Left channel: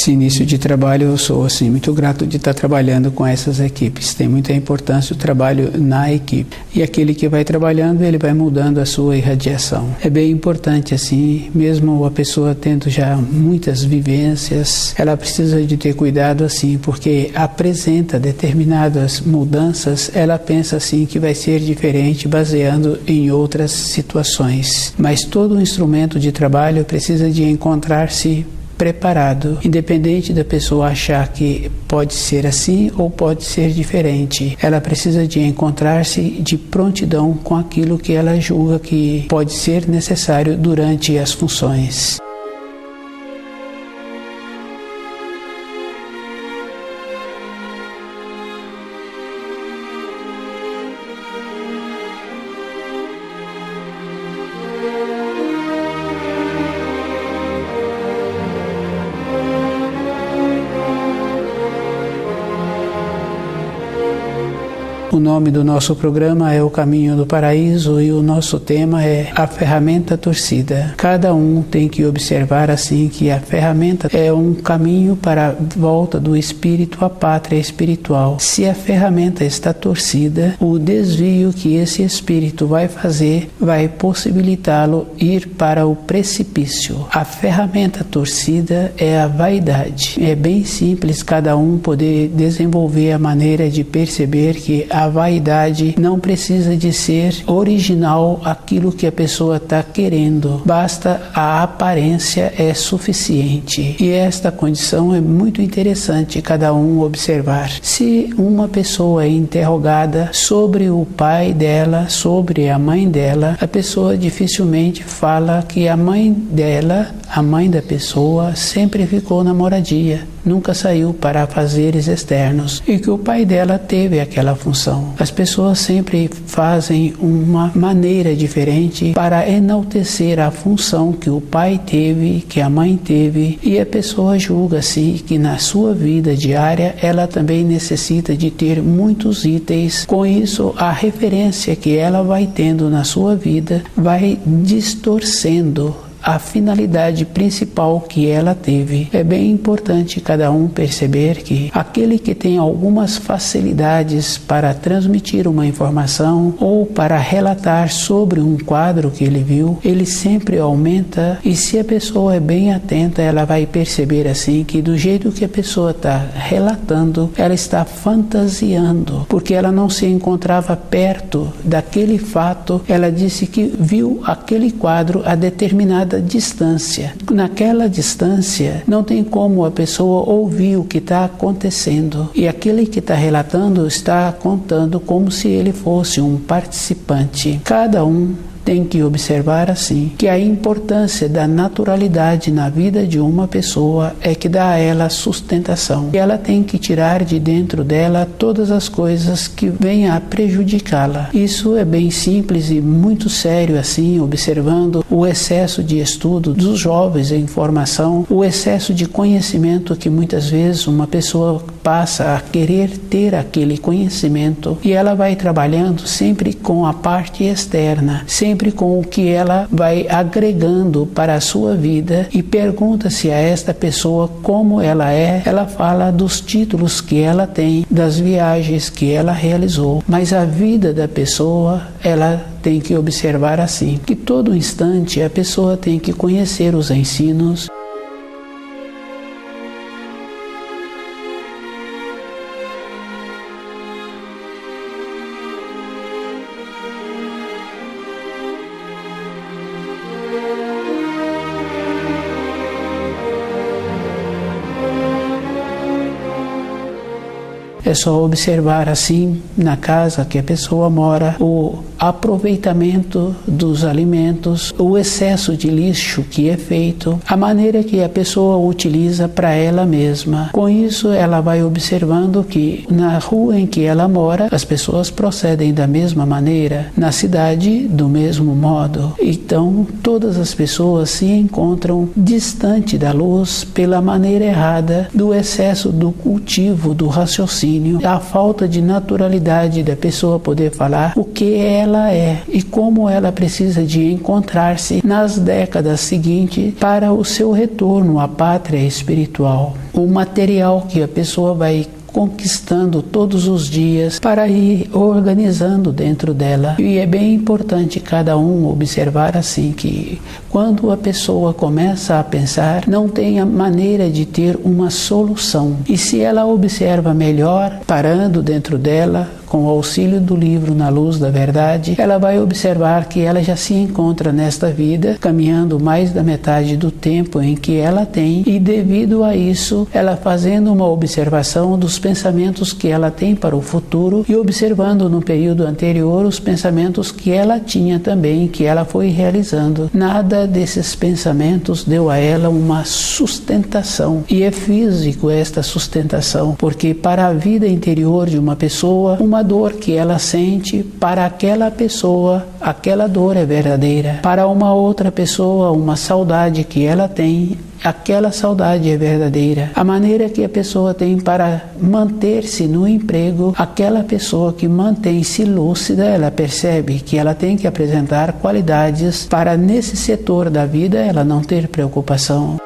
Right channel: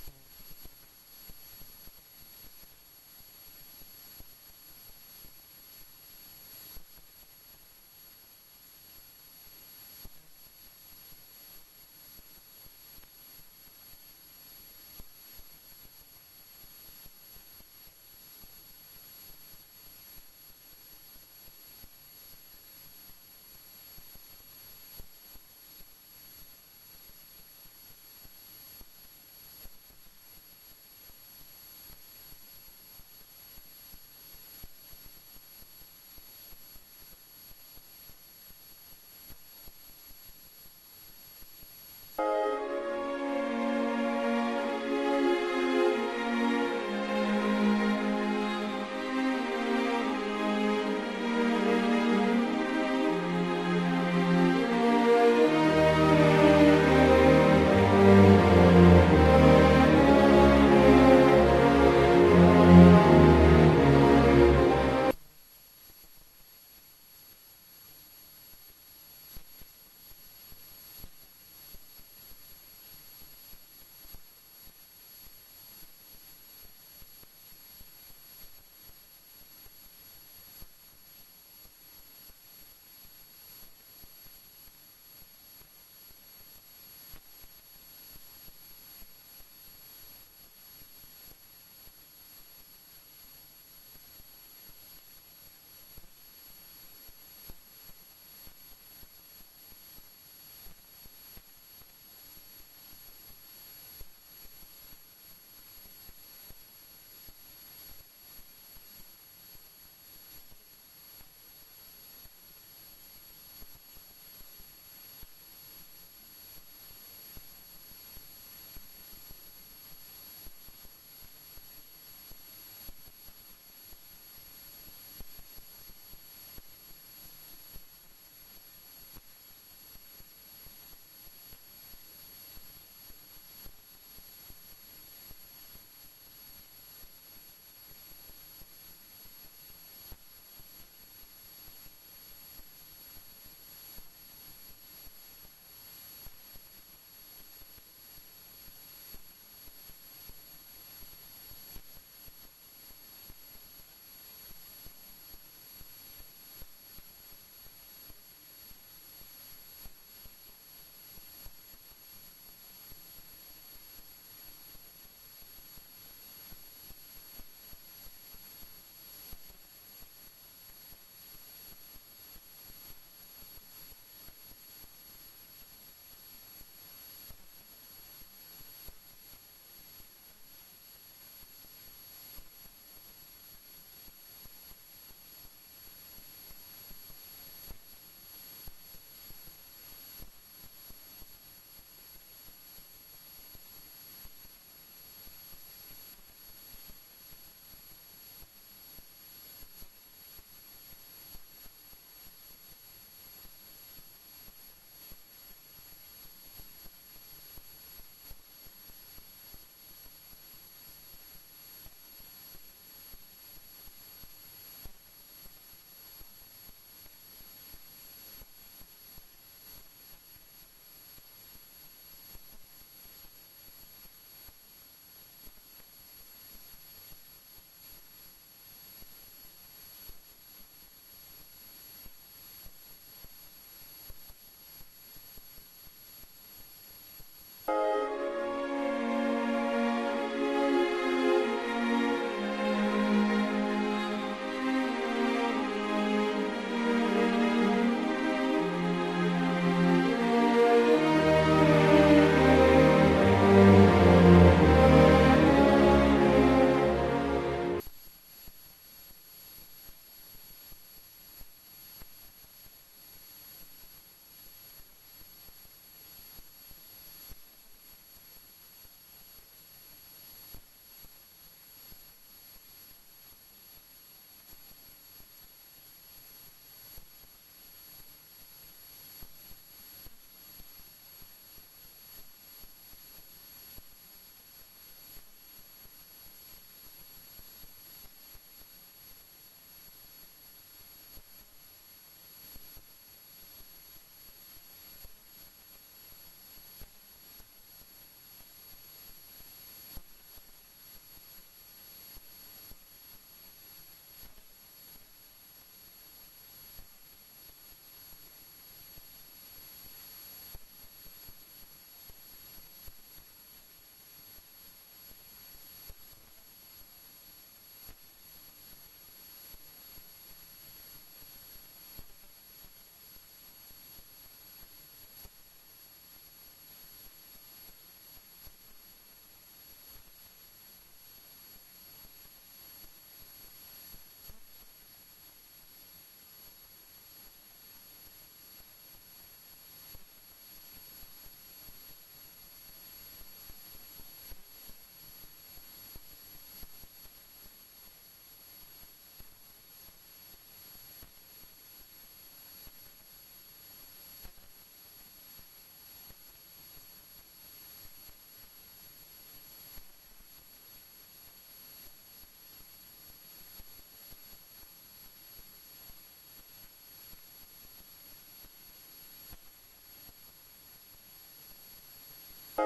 Esse início de trabalho eu sou assim, muito grato de estar trabalhando com essas equipes. Tem muita importância o trabalho na equipe. E aquele que vai trabalhando, ele vai mudando a sua irradiação. É bem importante assim, mesmo a pessoa tendo já muitas vivências, ela precisa de ter cuidado assim, porque apresenta determinadas mudanças, ela pensa assim que vai ser diferente baseando em outras situações. Mas todo instrumento de trabalho precisa de encontrar-se preparado, independente da pessoa achar que pode ser assim ou pode ser diferente. Ela precisa de encontrar-se de prontidão com aquilo que ela julga que pode ser necessário durante as funções. O nome do nosso programa é O Caminho do Paraíso e o nosso tema é a ferramenta torcida. Cada um tem que observar assim que a ferramenta é um caminho para a volta do espírito à pátria espiritual. Se a ferramenta está torcida, o desvio que esse espírito vai fazer vai possibilitá-lo ir para o precipício. A ferramenta torcida é a vaidade. É bem simples cada um poder desenvolver a maneira de perceber que a vaidade não precisa de ser original aquilo que a pessoa está querendo. Basta a aparência é suficiente. E esta condição é muito interessante cada um observar. Se uma pessoa é interrogada sobre o pai dela, sobre a mãe dela, a pessoa dificilmente fala que a mãe dela, a mãe da pessoa, sempre ficou na moradia, nunca saiu para afazeres externos e que o pai dela teve aquela função. As pessoas sempre fazem uma maneira diferente para enaltecer a função que o pai teve, que a mãe teve, e a pessoa julga assim que na sua vida diária ela também necessita de ter muitos itens. Com isso, a referência que ela vai tendo na sua vida vai distorcendo a finalidade principal que ela teve. É bem importante cada um perceber que aquele que tem algumas facilidades para transmitir uma informação ou para relatar sobre um quadro que ele viu, ele sempre aumenta, e se a pessoa é bem atenta, ela vai perceber assim que do jeito que a pessoa está relatando, ela está fantasiando, porque ela não se encontrava perto daquele fato. Ela disse que viu aquele quadro a determinada distância. Naquela distância não tem como a pessoa ouvir o que está acontecendo, e aquele que está relatando está contando como se ele fosse um participante. Cada um tem que observar assim que a importância da naturalidade na vida de uma pessoa é que dá a ela sustentação, e ela tem que tirar de dentro dela todas as coisas que venham a prejudicá-la. Isso é bem simples e muito sério assim, observando o excesso de estudo dos jovens em formação, o excesso de conhecimento que muitas vezes uma pessoa passa a querer ter aquele conhecimento, e ela vai trabalhando sempre com a parte externa, sempre com o que ela vai agregando para a sua vida, e pergunta-se a esta pessoa como ela é. Ela fala dos títulos que ela tem, das viagens que ela realizou, mas a vida da pessoa, ela tem que observar assim, que todo instante a pessoa tem que conhecer os ensinos. É só observar assim na casa que a pessoa mora o aproveitamento dos alimentos, o excesso de lixo que é feito, a maneira que a pessoa utiliza para ela mesma. Com isso, ela vai observando que na rua em que ela mora, as pessoas procedem da mesma maneira, na cidade do mesmo modo. Então, todas as pessoas se encontram distante da luz pela maneira errada do excesso do cultivo do raciocínio, a falta de naturalidade da pessoa poder falar o que ela ela é e como ela precisa de encontrar-se nas décadas seguintes para o seu retorno à pátria espiritual. O material que a pessoa vai conquistando todos os dias para ir organizando dentro dela. E é bem importante cada um observar assim que quando a pessoa começa a pensar, não tem a maneira de ter uma solução. E se ela observa melhor, parando dentro dela, com o auxílio do livro Na Luz da Verdade, ela vai observar que ela já se encontra nesta vida, caminhando mais da metade do tempo em que ela tem, e devido a isso, ela fazendo uma observação dos pensamentos que ela tem para o futuro e observando no período anterior os pensamentos que ela tinha também, que ela foi realizando. Nada desses pensamentos deu a ela uma sustentação, e é físico esta sustentação, porque para a vida interior de uma pessoa, uma dor que ela sente, para aquela pessoa, aquela dor é verdadeira. Para uma outra pessoa, uma saudade que ela tem, aquela saudade é verdadeira. A maneira que a pessoa tem para manter-se no emprego, aquela pessoa que mantém-se lúcida, ela percebe que ela tem que apresentar qualidades para nesse setor da vida ela não ter preocupação.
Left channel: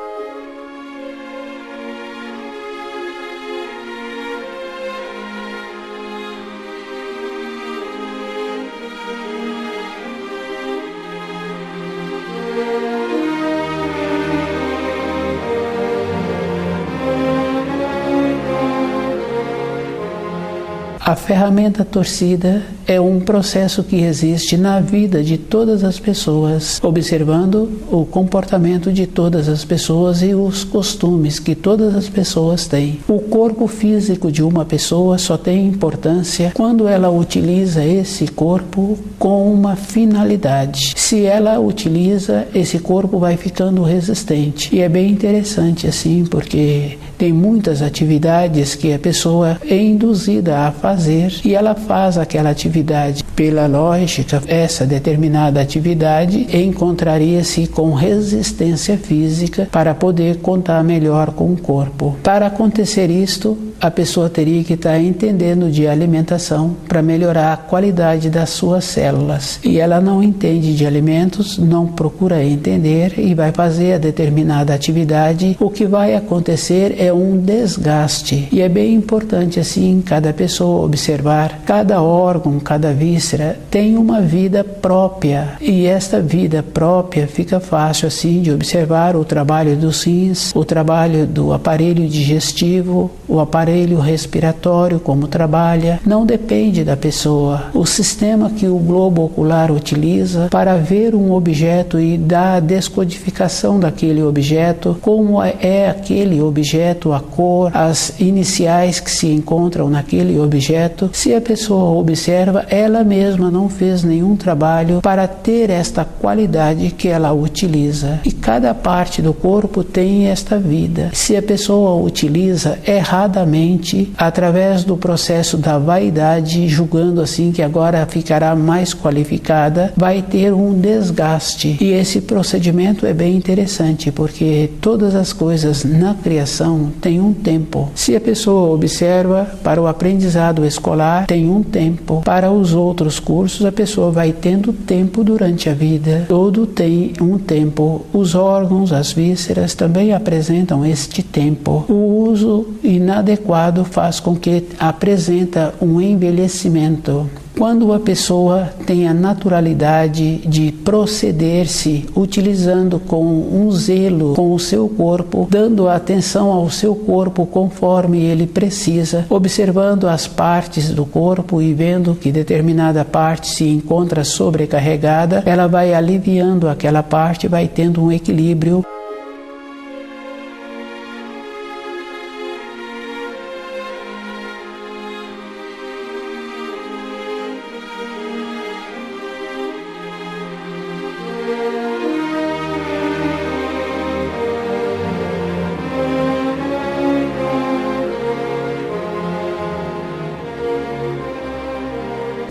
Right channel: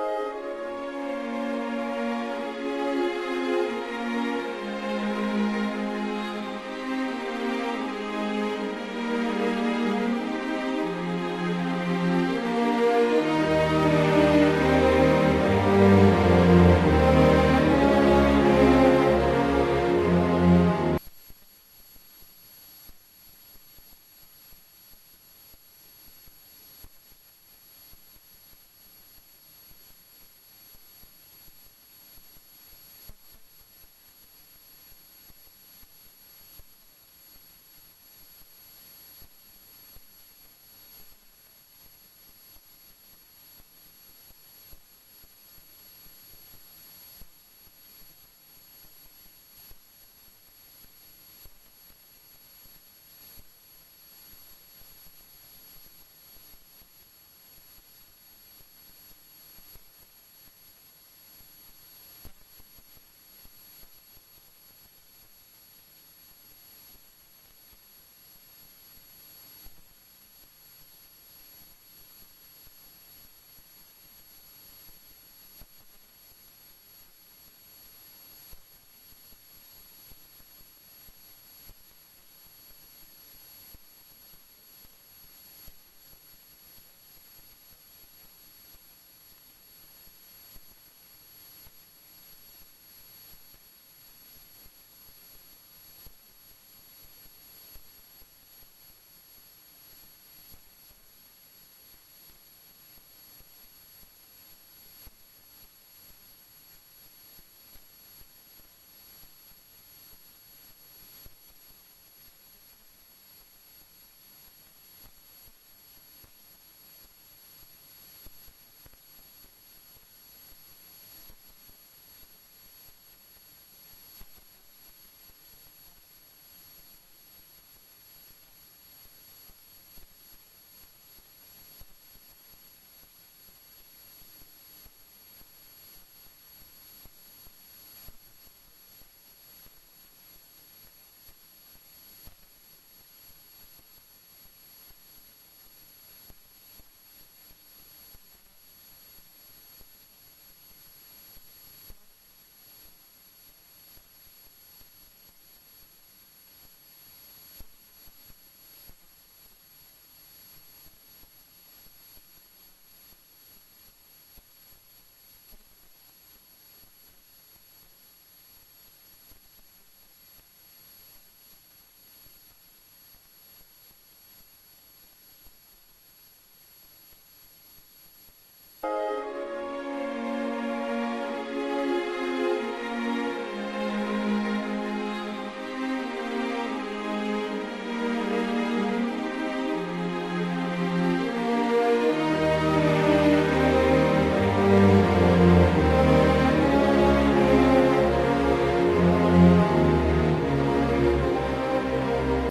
A ferramenta torcida é um processo que existe na vida de todas as pessoas, observando o comportamento de todas as pessoas e os costumes que todas as pessoas têm. O corpo físico de uma pessoa só tem importância quando ela utiliza esse corpo com uma finalidade. Se ela utiliza, esse corpo vai ficando resistente. E é bem interessante assim, porque tem muitas atividades que a pessoa é induzida a fazer e ela faz aquela atividade. Pela lógica, essa determinada atividade encontraria-se com resistência física para poder contar melhor com o corpo. Para acontecer isto, a pessoa teria que estar entendendo de alimentação para melhorar a qualidade das suas células. E ela não entende de alimentos, não procura entender e vai fazer a determinada atividade. O que vai acontecer é um desgaste. E é bem importante assim cada pessoa observar, cada órgão, cada víscera tem uma vida própria. E esta vida própria fica fácil assim de observar o trabalho dos rins, o trabalho do aparelho digestivo, o aparelho respiratório, como trabalha, não depende da pessoa. O sistema que o globo ocular utiliza para ver um objeto e dar a descodificação daquele objeto, como é aquele objeto, a cor, as iniciais que se encontram naquele objeto, se a pessoa observa, ela mesma não fez nenhum trabalho para ter esta qualidade que ela utiliza. E cada parte do corpo tem esta vida. Se a pessoa utiliza erradamente, através do processo da vaidade, julgando assim que agora ficará mais qualificada, vai ter um desgaste. E esse procedimento é bem interessante, porque todas as coisas na criação têm um tempo. Se a pessoa observa, para o aprendizado escolar tem um tempo. Para os outros cursos, a pessoa vai tendo tempo durante a vida. Tudo tem um tempo. Os órgãos, as vísceras também apresentam este tempo. O uso inadequado faz com que apresenta um envelhecimento. Quando a pessoa tem a naturalidade de proceder-se utilizando com um zelo com o seu corpo, dando atenção ao seu corpo conforme ele precisa, observando as partes do corpo e vendo que determinada parte se encontra sobrecarregada, ela vai aliviando aquela parte, vai tendo um equilíbrio.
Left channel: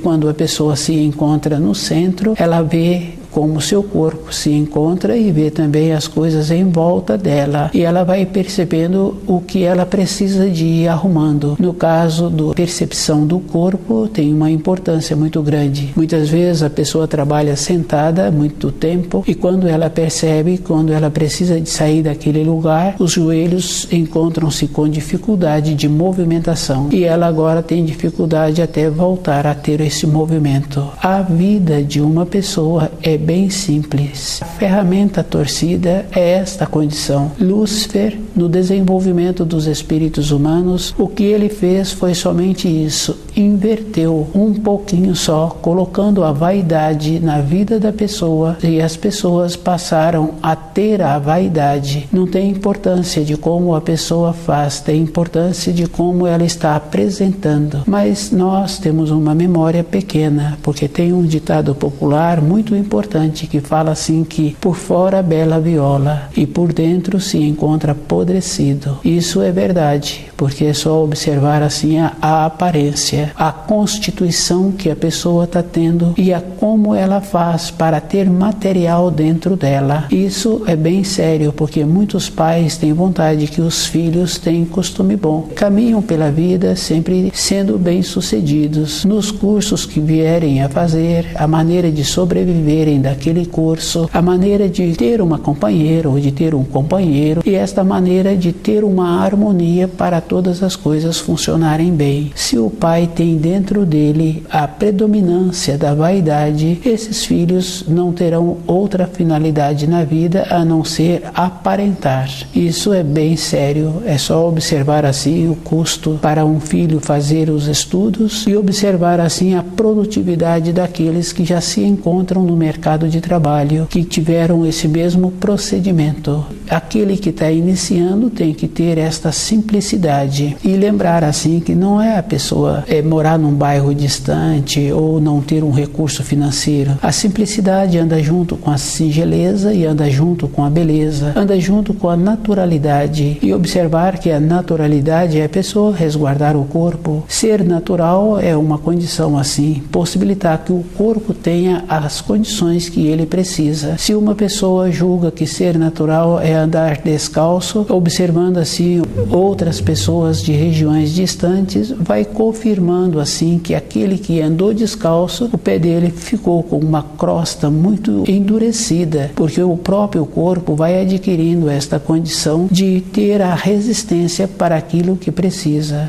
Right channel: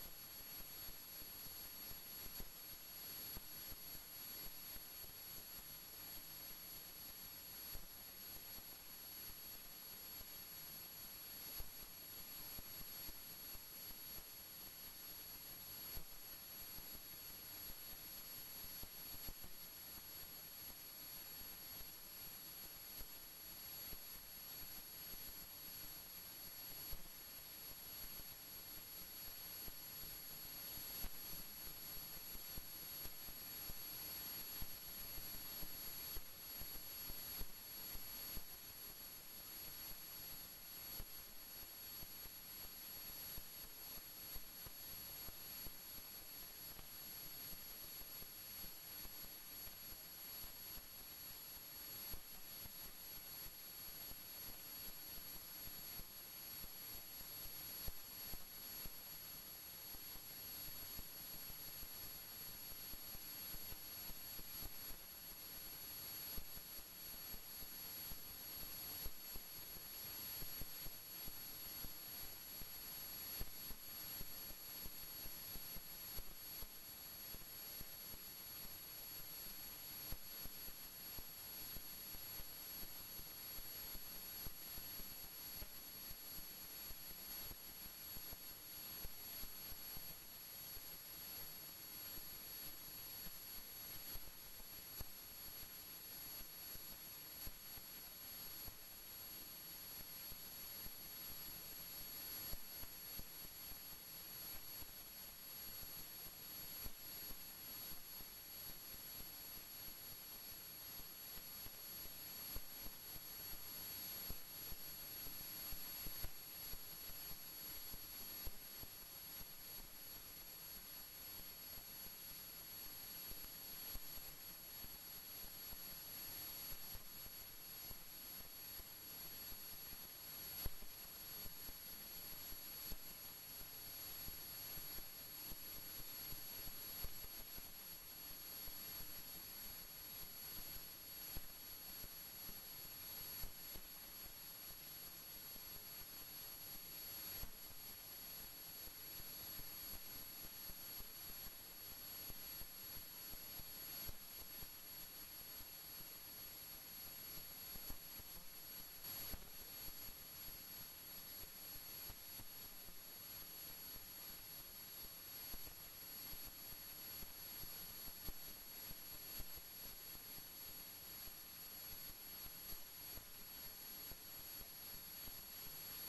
Quando a pessoa se encontra no centro, ela vê como seu corpo se encontra e vê também as coisas em volta dela. E ela vai percebendo o que ela precisa de ir arrumando. No caso da percepção do corpo, tem uma importância muito grande. Muitas vezes a pessoa trabalha sentada muito tempo e quando ela percebe, quando ela precisa de sair daquele lugar, os joelhos encontram-se com dificuldade de movimentação e ela agora tem dificuldade até voltar a ter esse movimento. A vida de uma pessoa é bem simples. A ferramenta torcida é esta condição. Lúcifer, no desenvolvimento dos espíritos humanos, o que ele fez foi somente isso, inverteu um pouquinho só, colocando a vaidade na vida da pessoa e as pessoas passaram a ter a vaidade. Não tem importância de como a pessoa faz, tem importância de como ela está apresentando. Mas nós temos uma memória pequena, porque tem um ditado popular muito importante que fala assim que por fora bela viola e por dentro se encontra apodrecido. Isso é verdade, porque é só observar assim a aparência, a constituição que a pessoa está tendo e a como ela faz para ter material dentro dela. Isso é bem sério, porque muitos pais têm vontade que os filhos tenham costume bom, caminham pela vida sempre sendo bem-sucedidos nos cursos que vierem a fazer, a maneira de sobreviverem daquele curso, a maneira de ter uma companheira ou de ter um companheiro e esta maneira de ter uma harmonia para todas as coisas funcionarem bem. Se o pai tem dentro dele a predominância da vaidade, esses filhos não terão outra finalidade na vida a não ser aparentar. Isso é bem sério, é só observar assim o custo para um filho fazer os estudos e observar assim a produtividade daqueles que já se encontram no mercado de trabalho, que tiveram esse mesmo procedimento. Aquele que está iniciando tem que ter esta simplicidade e lembrar assim que não é a pessoa morar num bairro distante ou não ter um recurso financeiro. A simplicidade anda junto com a singeleza e anda junto com a beleza, anda junto com a naturalidade e observar que a naturalidade é a pessoa resguardar o corpo. Ser natural é uma condição assim, possibilitar que o corpo tenha as condições que ele precisa. Se uma pessoa julga que ser natural é andar descalço, observando assim outras pessoas de regiões distantes, vai confirmando assim que aquele que andou descalço, o pé dele ficou com uma crosta muito endurecida, porque o próprio corpo vai adquirindo esta condição de ter a resistência para aquilo que precisa.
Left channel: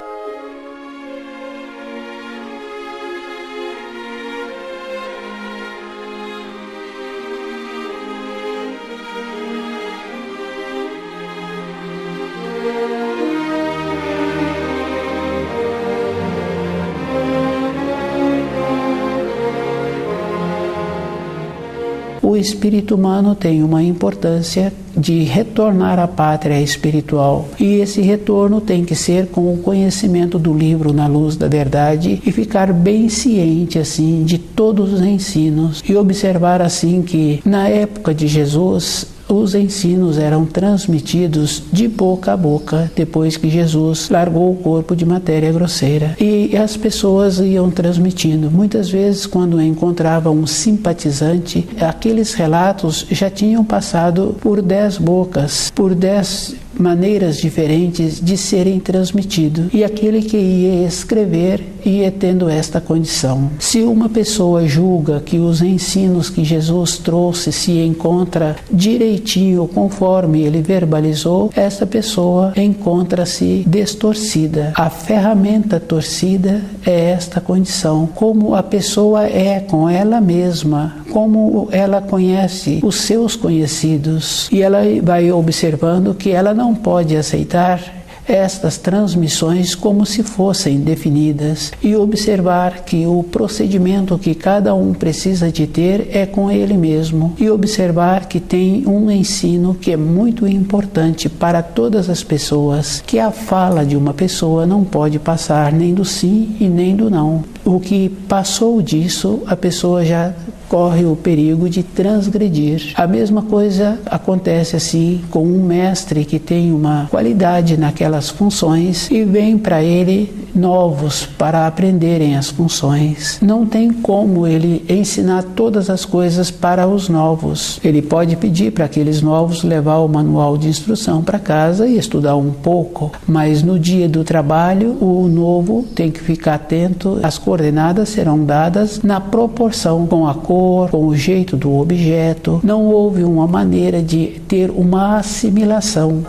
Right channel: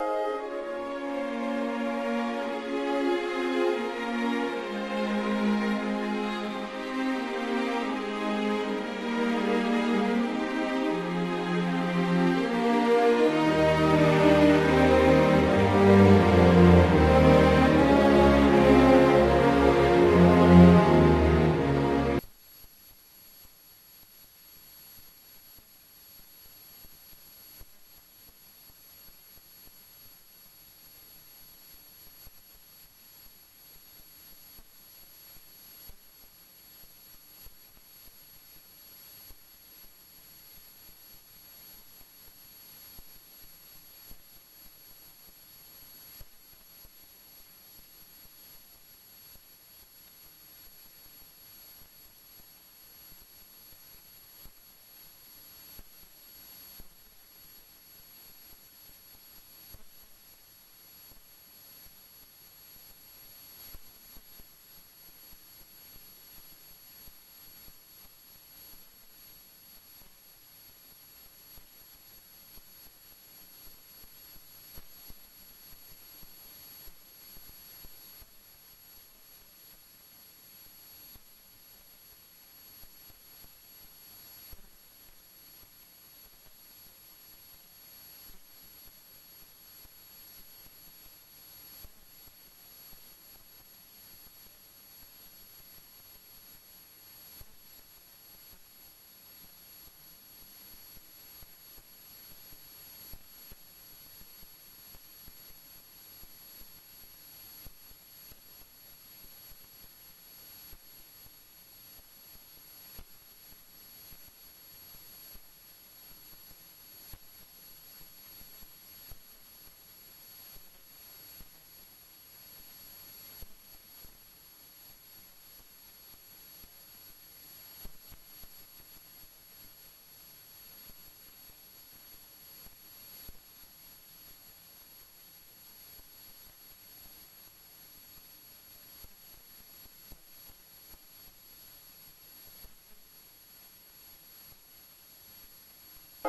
O espírito humano tem uma importância de retornar à pátria espiritual e esse retorno tem que ser com o conhecimento do livro Na Luz da Verdade e ficar bem ciente assim de todos os ensinos e observar assim que na época de Jesus os ensinos eram transmitidos de boca a boca depois que Jesus largou o corpo de matéria grosseira e as pessoas iam transmitindo. Muitas vezes quando encontravam um simpatizante, aqueles relatos já tinham passado por 10 bocas, por 10 maneiras diferentes de serem transmitidos e aquele que ia escrever ia tendo esta condição. Se uma pessoa julga que os ensinos que Jesus trouxe se encontra direitinho conforme ele verbalizou, essa pessoa encontra-se distorcida. A ferramenta torcida é esta condição. Como a pessoa é com ela mesma, como ela conhece os seus conhecidos e ela vai observando que ela não pode aceitar estas transmissões como se fossem definidas e observar que o procedimento que cada um precisa de ter é com ele mesmo e observar que tem um ensino que é muito importante para todas as pessoas, que a fala de uma pessoa não pode passar nem do sim e nem do não. O que passou disso, a pessoa já corre o perigo de transgredir. A mesma coisa acontece assim com um mestre que tem uma qualidade naquelas funções e vem para ele novos para aprenderem as funções. Não tem como ele ensinar todas as coisas para os novos. Ele pode pedir para aqueles novos levar o manual de instrução para casa e estudar um pouco, mas no dia do trabalho o novo tem que ficar atento. As coordenadas serão dadas na proporção, com a cor, com o jeito do objeto. Não houve uma maneira de ter uma assimilação.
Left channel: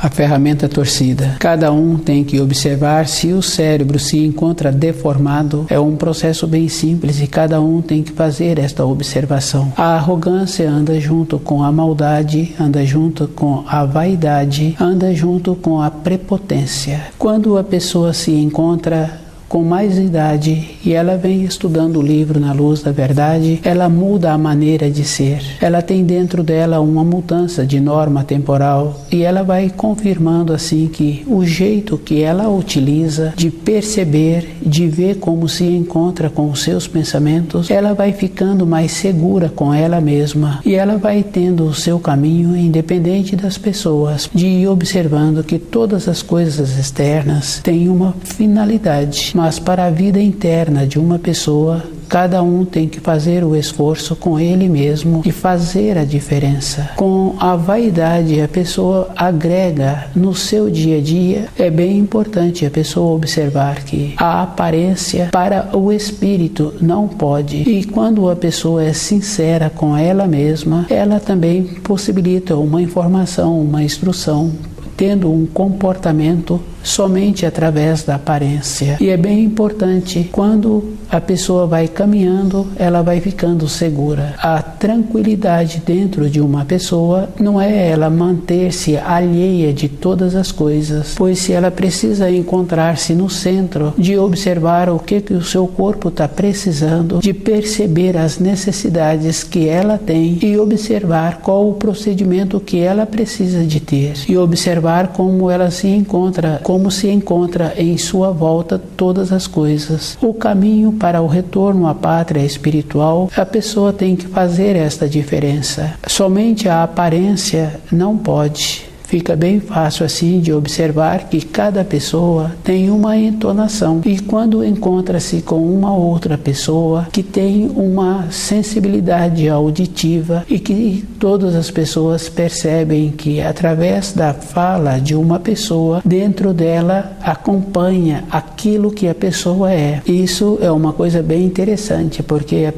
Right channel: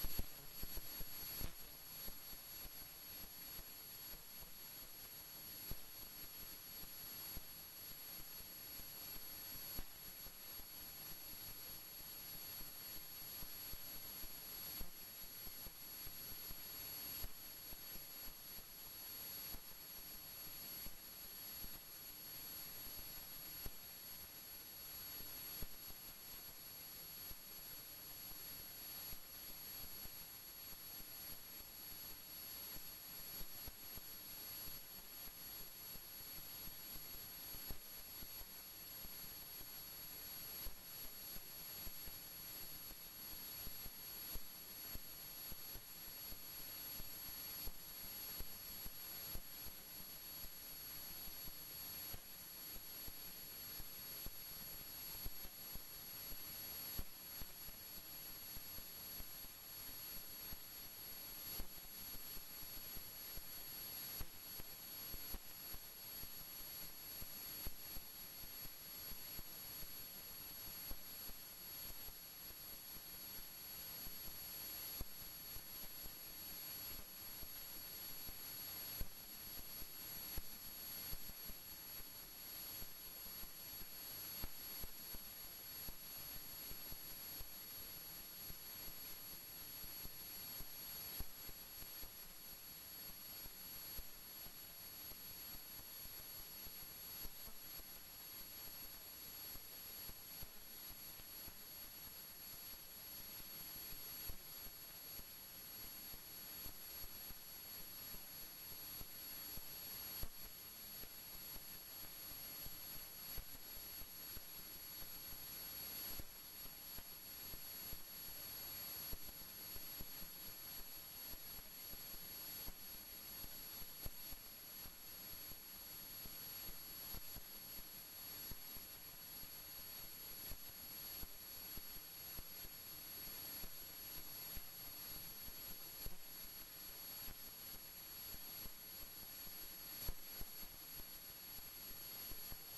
A ferramenta torcida. Cada um tem que observar se o cérebro se encontra deformado. É um processo bem simples e cada um tem que fazer esta observação. A arrogância anda junto com a maldade, anda junto com a vaidade, anda junto com a prepotência. Quando a pessoa se encontra com mais idade e ela vem estudando o livro Na Luz da Verdade, ela muda a maneira de ser. Ela tem dentro dela uma mudança de norma temporal e ela vai confirmando assim que o jeito que ela utiliza de perceber, de ver como se encontra com os seus pensamentos, ela vai ficando mais segura com ela mesma e ela vai tendo o seu caminho independente das pessoas, de ir observando que todas as coisas externas têm uma finalidade. Mas para a vida interna de uma pessoa, cada um tem que fazer o esforço com ele mesmo e fazer a diferença. Com a vaidade, a pessoa agrega no seu dia a dia. É bem importante a pessoa observar que a aparência para o espírito não pode. E quando a pessoa é sincera com ela mesma, ela também possibilita uma informação, uma instrução, tendo um comportamento somente através da aparência. E é bem importante, quando a pessoa vai caminhando, ela vai ficando segura. A tranquilidade dentro de uma pessoa não é ela manter-se alheia de todas as coisas, pois se ela precisa encontrar-se no centro, de observar o que o seu corpo está precisando, de perceber as necessidades que ela tem e observar qual o procedimento que ela precisa de ter e observar como ela se encontra, como se encontra em sua volta todas as coisas. O caminho para o retorno à pátria espiritual, a pessoa tem que fazer esta diferença. Somente a aparência não pode. Fica bem fácil assim de observar que cada pessoa tem uma entonação e quando encontra-se com uma outra pessoa que tem uma sensibilidade auditiva e que todas as pessoas percebem que através da fala de uma pessoa, dentro dela acompanha aquilo que a pessoa é. Isso é uma coisa bem interessante, porque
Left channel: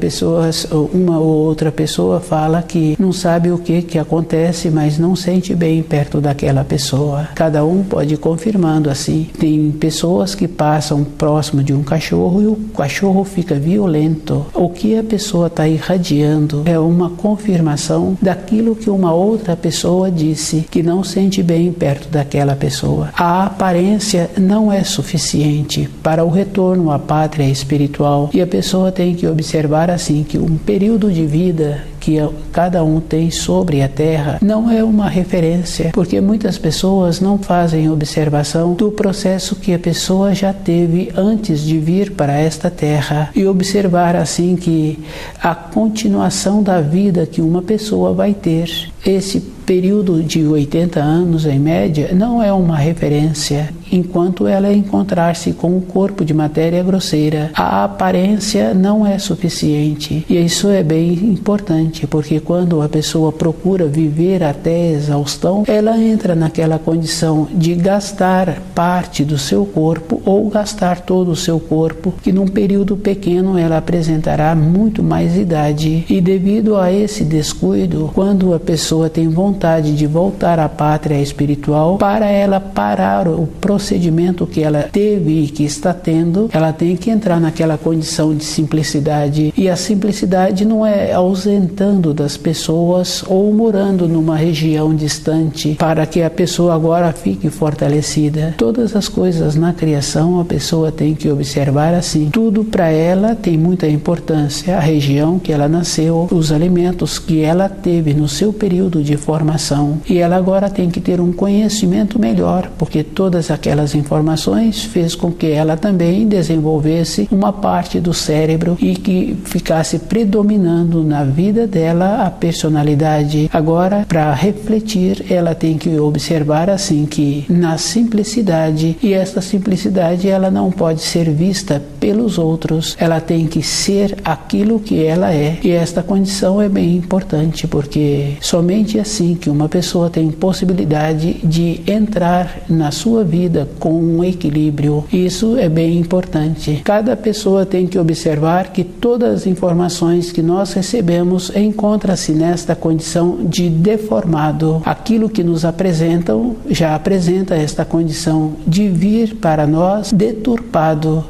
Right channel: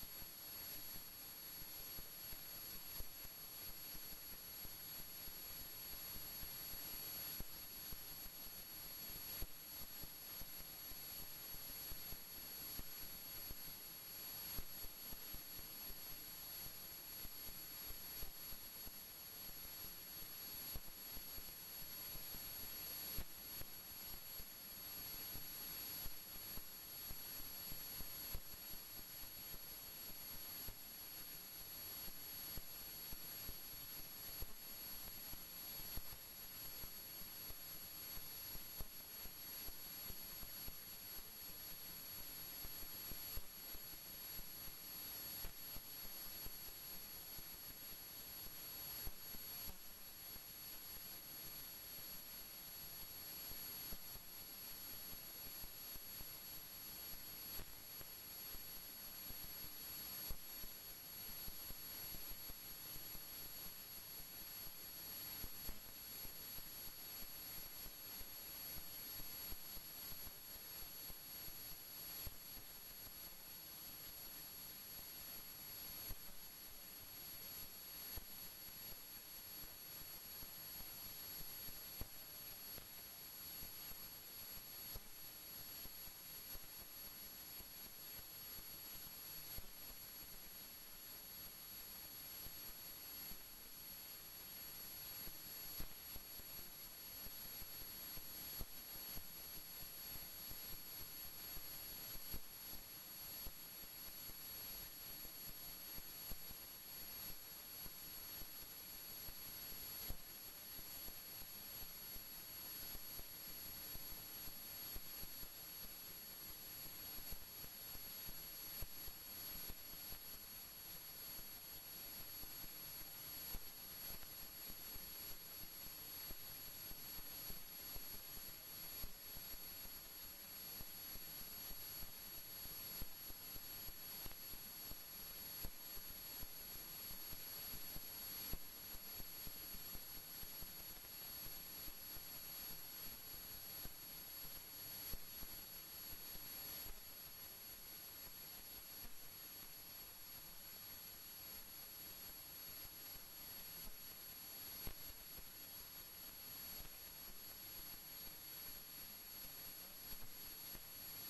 uma ou outra pessoa fala que não sabe o que acontece, mas não sente bem perto daquela pessoa. Cada um pode ir confirmando assim. Tem pessoas que passam próximo de um cachorro e o cachorro fica violento. O que a pessoa está irradiando é uma confirmação daquilo que uma outra pessoa disse, que não sente bem perto daquela pessoa. A aparência não é suficiente para o retorno à pátria espiritual e a pessoa tem que observar assim que um período de vida que cada um tem sobre a Terra não é uma referência, porque muitas pessoas não fazem observação do processo que a pessoa já teve antes de vir para esta Terra e observar assim que a continuação da vida que uma pessoa vai ter. Esse período de 80 anos em média não é uma referência enquanto ela encontrar-se com um corpo de matéria grosseira. A aparência não é suficiente e isso é bem importante, porque quando a pessoa procura viver até exaustão, ela entra naquela condição de gastar parte do seu corpo ou gastar todo o seu corpo, que num período pequeno ela apresentará muito mais idade e devido a esse descuido, quando a pessoa tem vontade de voltar à pátria espiritual, para ela parar o procedimento que ela teve e que está tendo, ela tem que entrar naquela condição de simplicidade. E a simplicidade não é ausentando das pessoas ou morando numa região distante para que a pessoa agora fique fortalecida. Todas as coisas na criação a pessoa tem que observar assim. Tudo para ela tem muita importância. A região que ela nasceu, os alimentos que ela teve no seu período período de formação e ela agora tem que ter um conhecimento melhor, porque todas aquelas informações fez com que ela também desenvolvesse uma parte do cérebro e que ficasse predominando na vida dela a personalidade. Agora, para refletir, ela tem que observar assim que na simplicidade, e esta simplicidade ela não pode ser vista pelos outros, ela tem que ser aquilo que ela é, e esta condição é bem importante, porque somente assim que uma pessoa tem possibilidade de entrar na sua vida com um equilíbrio. Isso é bem importante. Cada pessoa tem que observar que todas as informações que nós recebemos encontra-se nesta condição de deformado. Aquilo que nos apresentam já apresenta esta condição de vir para nós deturpado.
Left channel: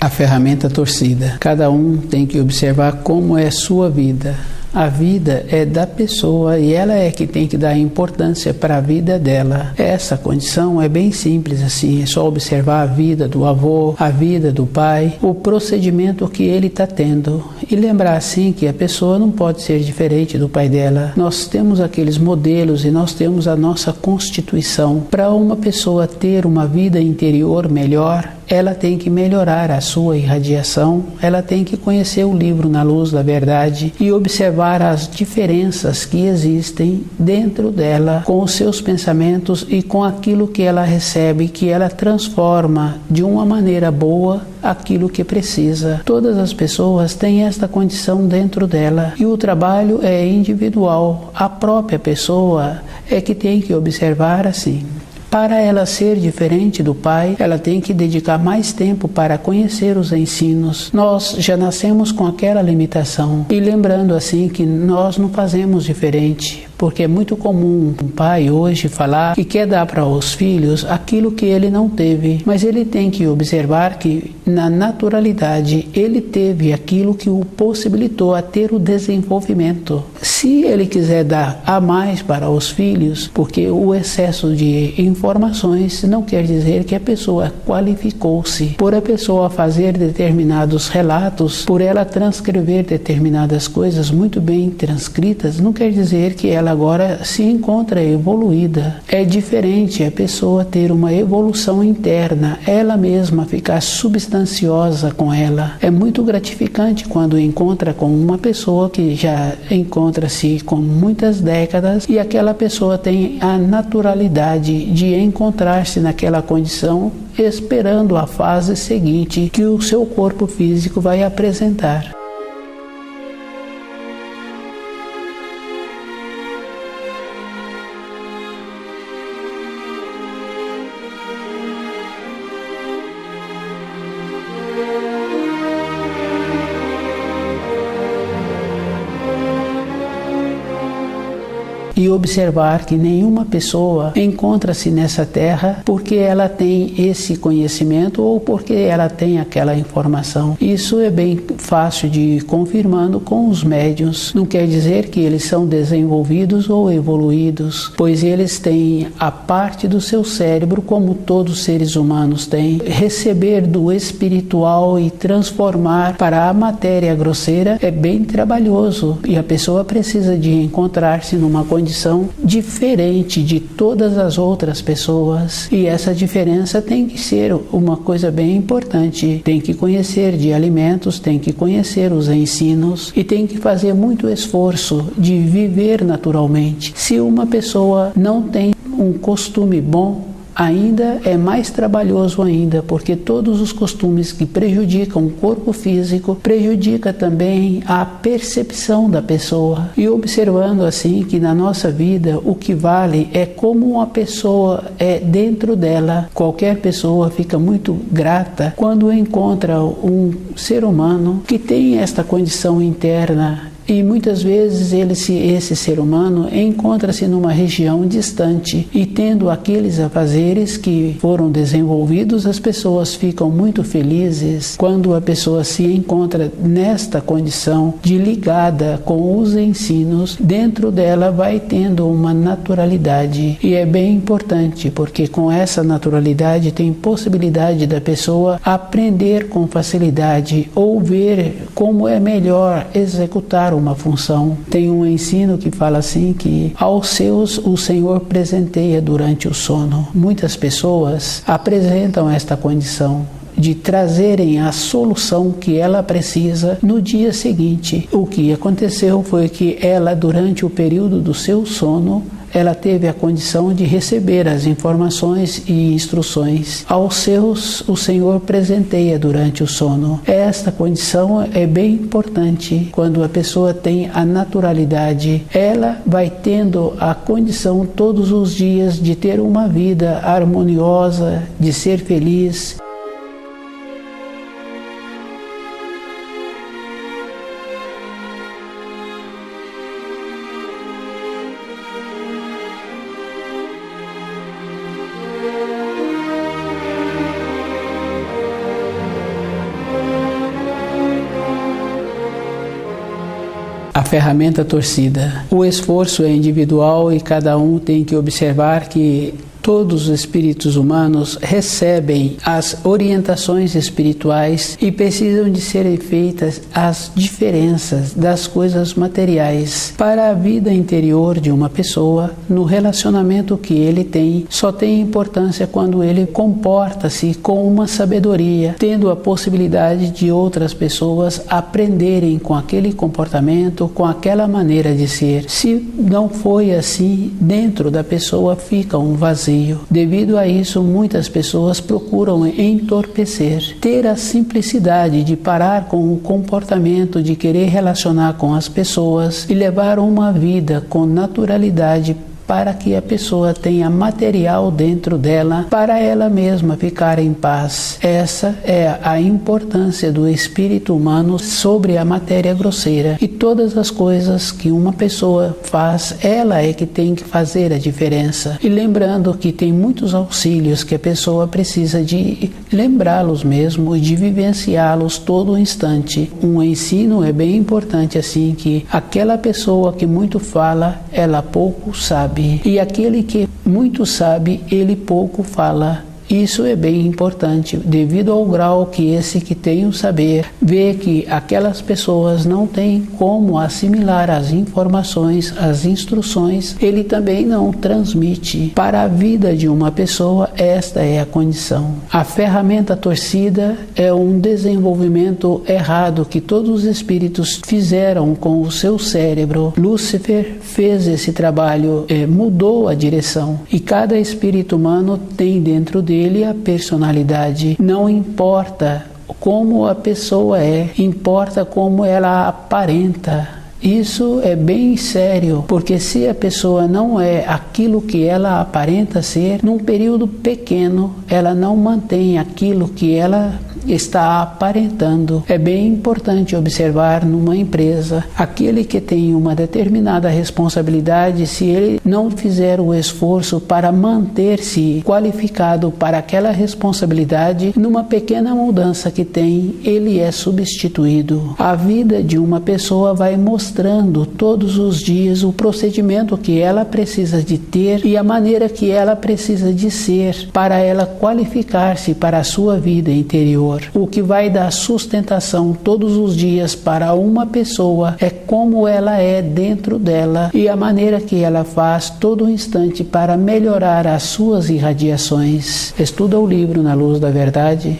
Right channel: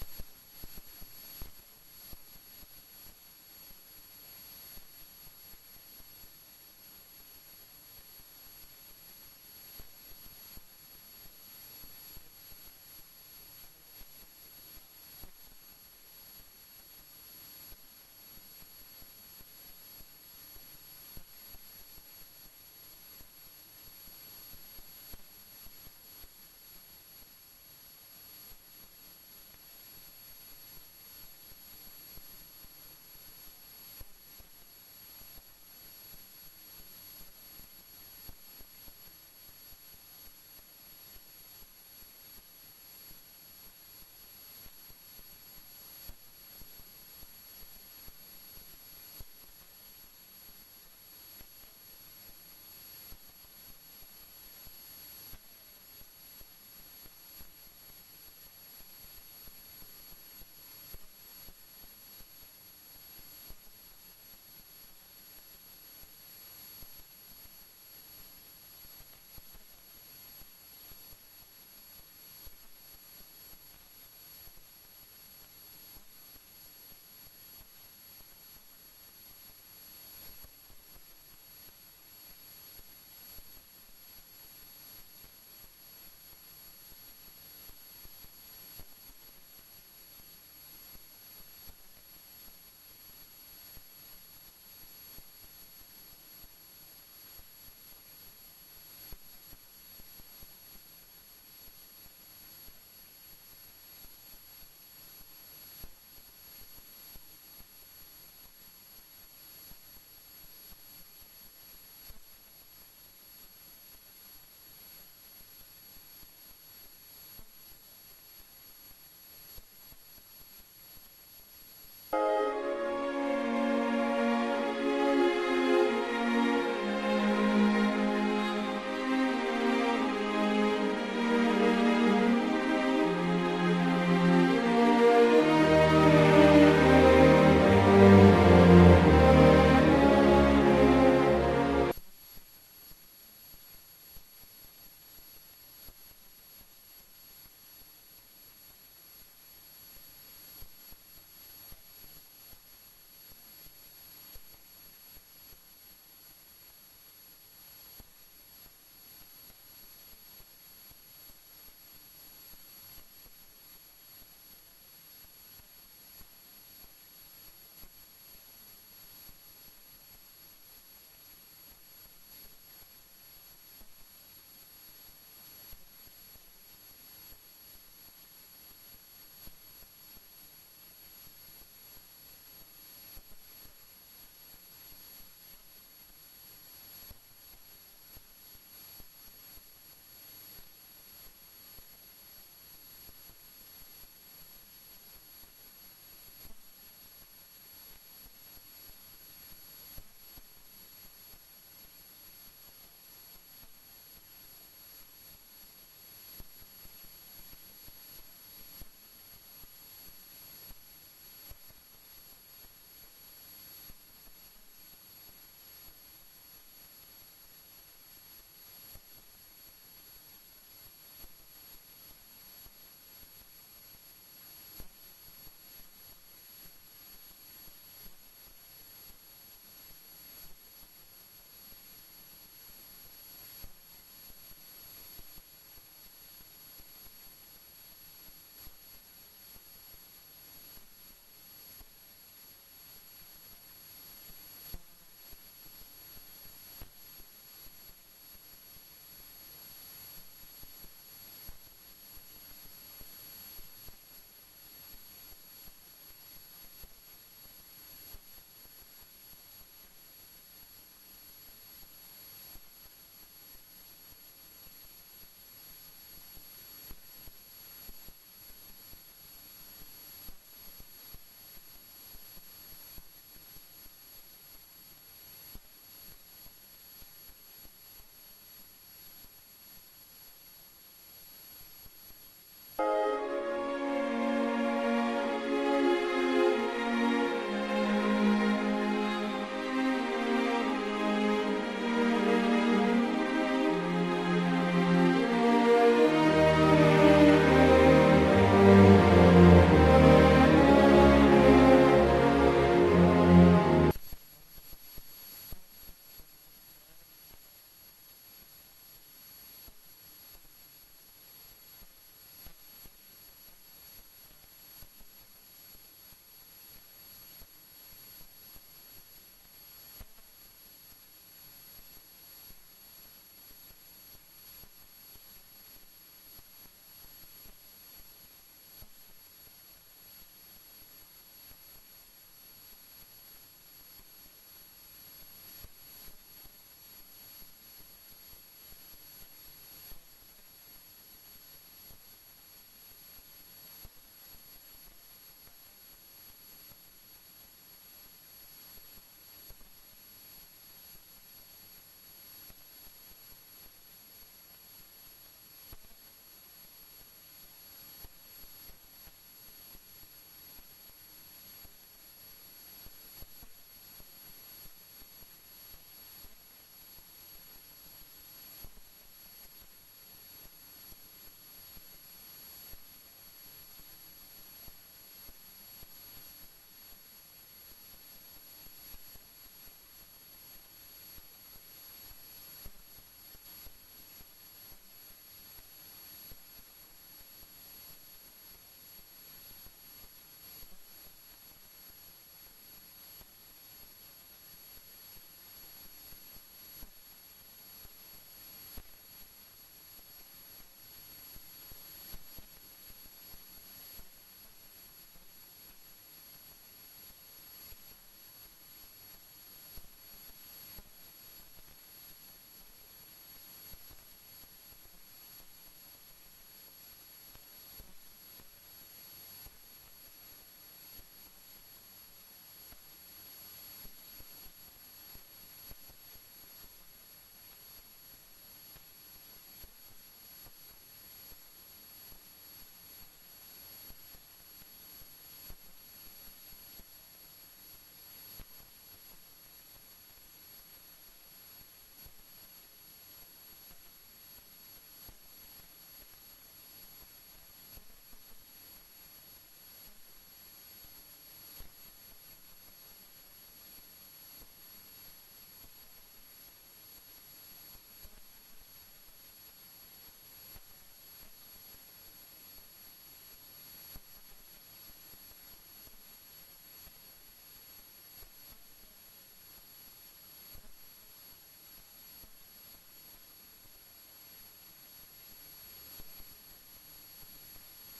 A ferramenta torcida. Cada um tem que observar como é sua vida. A vida é da pessoa e ela é que tem que dar importância para a vida dela. Essa condição é bem simples assim, é só observar a vida do avô, a vida do pai, o procedimento que ele está tendo e lembrar assim que a pessoa não pode ser diferente do pai dela. Nós temos aqueles modelos e nós temos a nossa constituição. Para uma pessoa ter uma vida interior melhor, ela tem que melhorar a sua irradiação, ela tem que conhecer o livro Na Luz da Verdade e observar as diferenças que existem dentro dela com os seus pensamentos e com aquilo que ela recebe, que ela transforma de uma maneira boa aquilo que precisa. Todas as pessoas têm esta condição dentro dela e o trabalho é individual. A própria pessoa é que tem que observar assim. Para ela ser diferente do pai, ela tem que dedicar mais tempo para conhecer os ensinos. Nós já nascemos com aquela limitação. E lembrando assim que nós não fazemos diferente, porque é muito comum um pai hoje falar que quer dar para os filhos aquilo que ele não teve. Mas ele tem que observar que na naturalidade ele teve aquilo que o possibilitou a ter o desenvolvimento. Se ele quiser dar a mais para os filhos, porque o excesso de informações não quer dizer que a pessoa qualificou-se. Por a pessoa fazer determinados relatos, por ela transcrever determinadas coisas muito bem transcritas, não quer dizer que ela agora se encontra evoluída. É diferente a pessoa ter uma evolução interna, ela mesma ficar substanciosa com ela. É muito gratificante quando encontra com uma pessoa que já encontra-se com muitas décadas e aquela pessoa tem a naturalidade de encontrar-se naquela condição, esperando a fase seguinte que o seu corpo físico vai apresentar. E observar que nenhuma pessoa encontra-se nessa terra porque ela tem esse conhecimento ou porque ela tem aquela informação. Isso é bem fácil de ir confirmando com os médiuns. Não quer dizer que eles são desenvolvidos ou evoluídos, pois eles têm a parte do seu cérebro como todos os seres humanos têm. Receber do espiritual e transformar para a matéria grosseira é bem trabalhoso e a pessoa precisa de encontrar-se numa condição diferente de todas as outras pessoas. E essa diferença tem que ser uma coisa bem importante. Tem que conhecer de alimentos, tem que conhecer os ensinos e tem que fazer muito esforço de viver naturalmente. Se uma pessoa não tem um costume bom, ainda é mais trabalhoso ainda, porque todos os costumes que prejudicam o corpo físico prejudica também a percepção da pessoa. E observando assim que na nossa vida o que vale é como uma pessoa é dentro dela. Qualquer pessoa fica muito grata quando encontra um ser humano que tem esta condição interna e muitas vezes esse ser humano encontra-se numa região distante e tendo aqueles afazeres que foram desenvolvidos, as pessoas ficam muito felizes quando a pessoa se encontra nesta condição de ligada com os ensinos. Dentro dela vai tendo uma naturalidade, e é bem importante porque com essa naturalidade tem possibilidade da pessoa aprender com facilidade ou ver como é melhor executar uma função. Tem um ensino que fala assim que aos seus o Senhor presenteia durante o sono. Muitas pessoas apresentam esta condição de trazerem a solução que ela precisa no dia seguinte. O que aconteceu foi que ela, durante o período do seu sono, ela teve a condição de receber as informações e instruções. Aos seus, o Senhor presenteia durante o sono. Esta condição é bem importante. Quando a pessoa tem a naturalidade, ela vai tendo a condição todos os dias de ter uma vida harmoniosa, de ser feliz. A ferramenta torcida. O esforço é individual e cada um tem que observar que todos os espíritos humanos recebem as orientações espirituais e precisam de serem feitas as diferenças das coisas materiais para a vida interior de uma pessoa. No relacionamento que ele tem, só tem importância quando ele comporta-se com uma sabedoria, tendo a possibilidade de outras pessoas aprenderem com aquele comportamento, com aquela maneira de ser. Se não foi assim, dentro da pessoa fica um vazio. Devido a isso, muitas pessoas procuram entorpecer, ter a simplicidade de parar com o comportamento de querer relacionar com as pessoas e levar uma vida com naturalidade, para que a pessoa tenha material dentro dela para ela mesma ficar em paz. Essa é a importância do espírito humano sobre a matéria grosseira. E todas as coisas que uma pessoa faz, ela é que tem que fazer a diferença. E lembrando que tem muitos auxílios que a pessoa precisa de lembrá-los mesmo e de vivenciá-los todo instante. Um ensino é bem importante assim, que aquela pessoa que muito fala, ela pouco sabe. E aquele que muito sabe, ele pouco fala. Isso é bem importante, devido ao grau que esse que tem o saber vê que aquelas pessoas não têm como assimilar as informações, as instruções, ele também não transmite. Para a vida de uma pessoa, esta é a condição. A ferramenta torcida é um desenvolvimento errado que todos os espíritos fizeram com o seu cérebro. Lúcifer fez esse trabalho, mudou a direção, e cada espírito humano tem dentro dele a personalidade. Não importa como a pessoa é, importa como ela aparenta. Isso é bem sério, porque se a pessoa não é aquilo que ela aparenta ser, num período pequeno, ela não mantém aquilo que ela está aparentando. É bem importante observar numa empresa, aquele que tem uma determinada responsabilidade, se ele não fizer o esforço para manter-se qualificado para aquela responsabilidade, numa pequena mudança que tem, ele é substituído. A vida de uma pessoa vai mostrando todos os dias o procedimento que ela precisa de ter e a maneira que ela precisa de ser para ela qualificar-se para a sua vida interior. O que vai dar sustentação todos os dias para uma pessoa é como ela é dentro dela e a maneira que ela faz todo instante para melhorar as suas irradiações. Estuda o livro Na Luz da Verdade.